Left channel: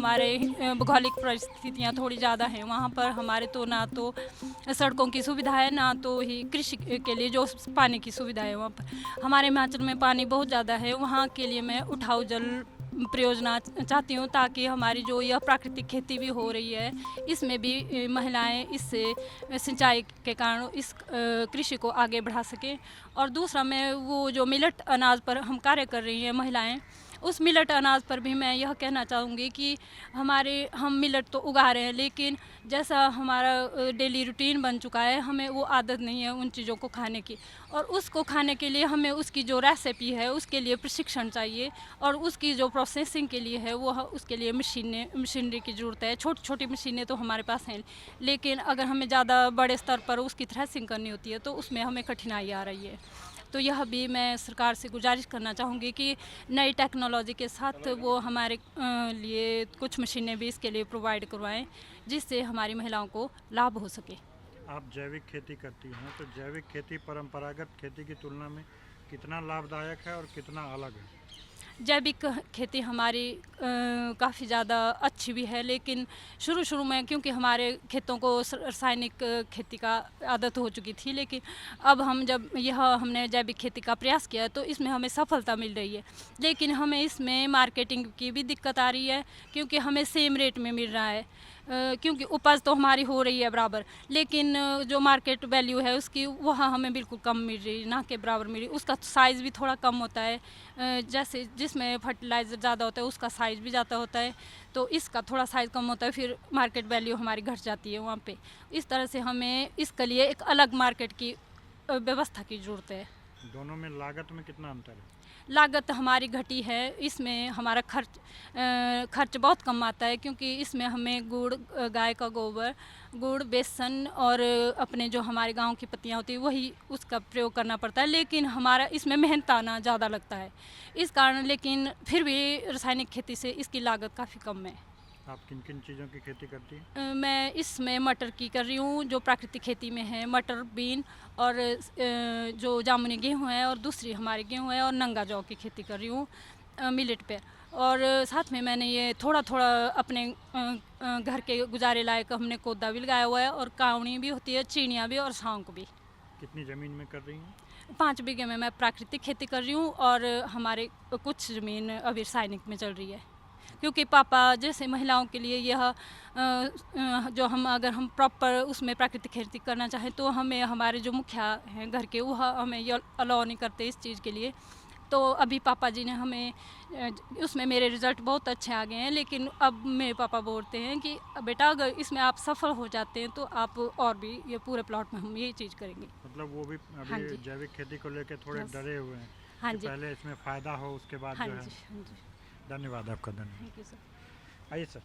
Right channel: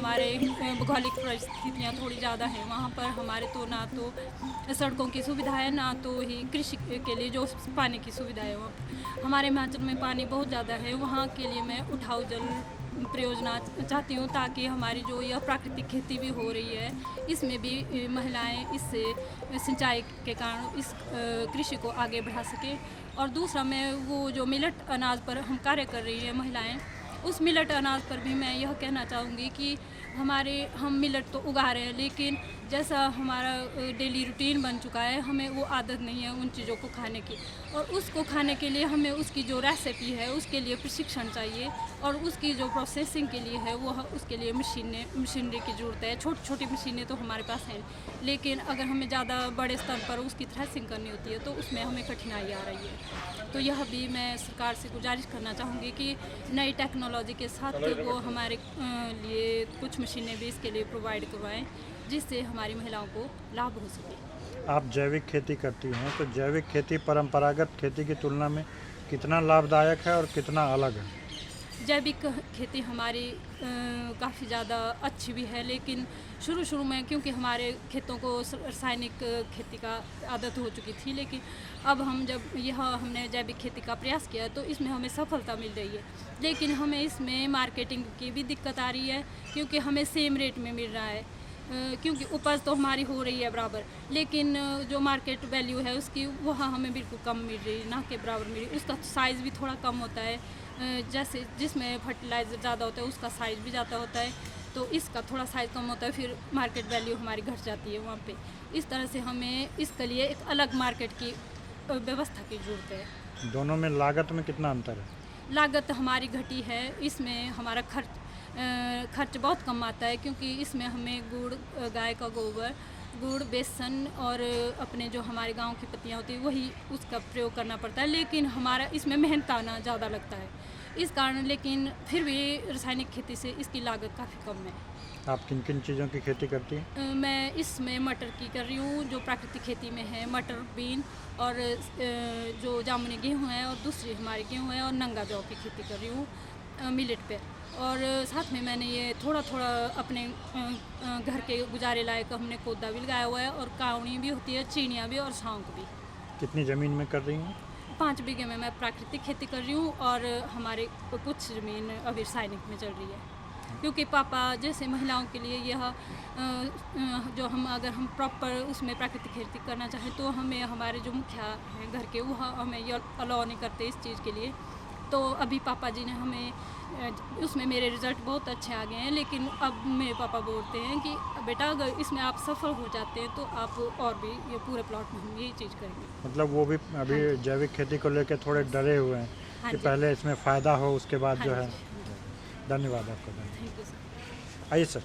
हमारे भौगोलिक परिस्थितियाँ थोड़ी ज़्यादा हैं, वहाँ पर हमारे तो ना तो सड़कों की सुविधा है, ना तो ही कृषि के लिए जो पानी की सुविधा है। वहाँ पर हमारे हिमाचल में पानी बहुत ज़्यादा है, वहाँ के लिए मैं उठाऊ जल परियोजना चाहती हूँ, ताकि हमारी जो यह प्राकृतिक खेती भी हो रही है, इसमें भी महिलाएं इससे सिंचाई के कारण इस कृषि को आगे बढ़ा सकें। और दूसरा, मैं वो जो मिलेट अनाज पर हम कार्य कर रही हैं महिलाएं, उस मिलेट अनाज पर भी मैं यह कहना चाहूँगी कि हम मिलेट तो उगा रहे हैं, लेकिन जैसा हमारा डेली रूटीन बन चुका है, हमें वो आदत नहीं है उन चीज़ों को खाने की। और उसको खाने के लिए हमें उसकी जो रेसिपी है उसके लिए प्रशिक्षण चाहिए, और उसकी जो प्रोसेसिंग के लिए है वो उसके लिए मशीनरी की ज़रूरत है। छोटी छोटी मशीनें तो हमारे पास हैं, लेकिन अगर हमें ज़्यादा बड़े स्तर पर उसकी थ्रेसिंग करनी होती है तो उसमें हमें कठिनाई आ रही है। तो यह भी मैं सरकार से गुजारिश करना चाहूँगी कि नई टेक्नोलॉजी के साथ वो हमारे लिए कुछ मशीनें भी इसके लिए प्रोवाइड करवाएं, जिससे हमारी महिलाओं को लाभ हो सके। आप जैविक खेती करती हैं, तो जैविक खेती परंपरागत खेती की तुलना में कितना लाभदायक है और कितना अलग है? जैविक खेती हमारी काफ़ी ज़्यादा अच्छी भी है, लेकिन शुरू में क्योंकि हमारे खेतों को रासायनिक खेती का आदत हो चुकी थी, लेकिन अब हमने जैविक खेती का प्रयास किया तो इसमें हमें सफलता मिल रही है। लेकिन हमें इसमें मार्केटिंग की भी दिक्कत आ रही है, क्योंकि हमें सेम रेट में मिल रहा है, क्योंकि उपज तो हमारी हो रही है बराबर, लेकिन जो मार्केट वैल्यू है उसकी वह हमें बिल्कुल कम मिल रही, ना के बराबर मिल रही। उसका साइज़ भी थोड़ा कम होता है, जैसे जिसमें फर्टिलाइज़र ज़्यादा होता है उसका साइज़ भी ज़्यादा होता है, तो इसका थोड़ा साइज़ कम होता है, फिर मार्केट वैल्यू हमारी घट जाती है वहाँ पे। इस तरह से हमें इसके लिए एक अलग मार्केट की व्यवस्था की ज़रूरत है। दोनों में लागत में कितना अंतर है? लागत हमारी घटी है, इसमें हमारा खर्च बहुत कम आता है, क्योंकि इसमें हमें गुड़, गाय का गोबर, गुड़, बेसन और अपने जो हमारे गांव की पत्तियां होती है वही उसका प्रयोग करना पड़ता है, लेकिन हमारा इसमें मेहनत आना ज़्यादा लगता है इस कारण। लेकिन फिर भी रासायनिक खेती से इसकी लागत काफ़ी कम है। आप किन किन चीज़ों की खेती करती हैं? मैं इसमें मटर की कर रही हूँ, जो प्राकृतिक खेती में है, मटर, बीन और जो जामुनी गेहूँ है, और दूसरी हमारी गेहूँ है, और नंगा जौ की खेती कर रही हूँ मिलेट पे। और साथ में मैंने ये थोड़ा थोड़ा अपने घर के गुजारे लायक हमने कोदा भी लगाया हुआ है, और कावनी भी होती है, चीनियाँ भी और सौंफ भी। कितनी ज़मीन में कर रही हैं? 5 बीघे में मैं प्राकृतिक खेती कर रही हूँ, और हमारे कुछ ज़मीन अभी रासायनिक में चल रही है, क्योंकि पापा जैसे महिलाओं के लिए यह जो अगर हम प्रॉपर उसमें प्राकृतिक खेती करना चाहें तो हमें हमारे जो मुखिया हैं घर के, वह हमें ये अलाउ नहीं करते इस चीज़ के लिए। तो अभी पापा जी ने हमें उसमें मेरे रिज़ल्ट बहुत अच्छे आ गए हैं, लेकिन अब मेरे पापा बोलते हैं कि बेटा अगर इसमें आप सफल हो जाते हैं तो आप और भी ये पूरे प्लॉट में हम यही चीज़ करेंगे। मतलब वो भी हाँ अभी जी। जैविक खेती को लेकर थोड़े डरे हुए हैं हाँ कि जी। पहले इसमें फ़ायदा हो, उसके बाद हाँ जो है। जी। धन्यवाद आपका, धन्यवाद। Thank you sir. आइए सर।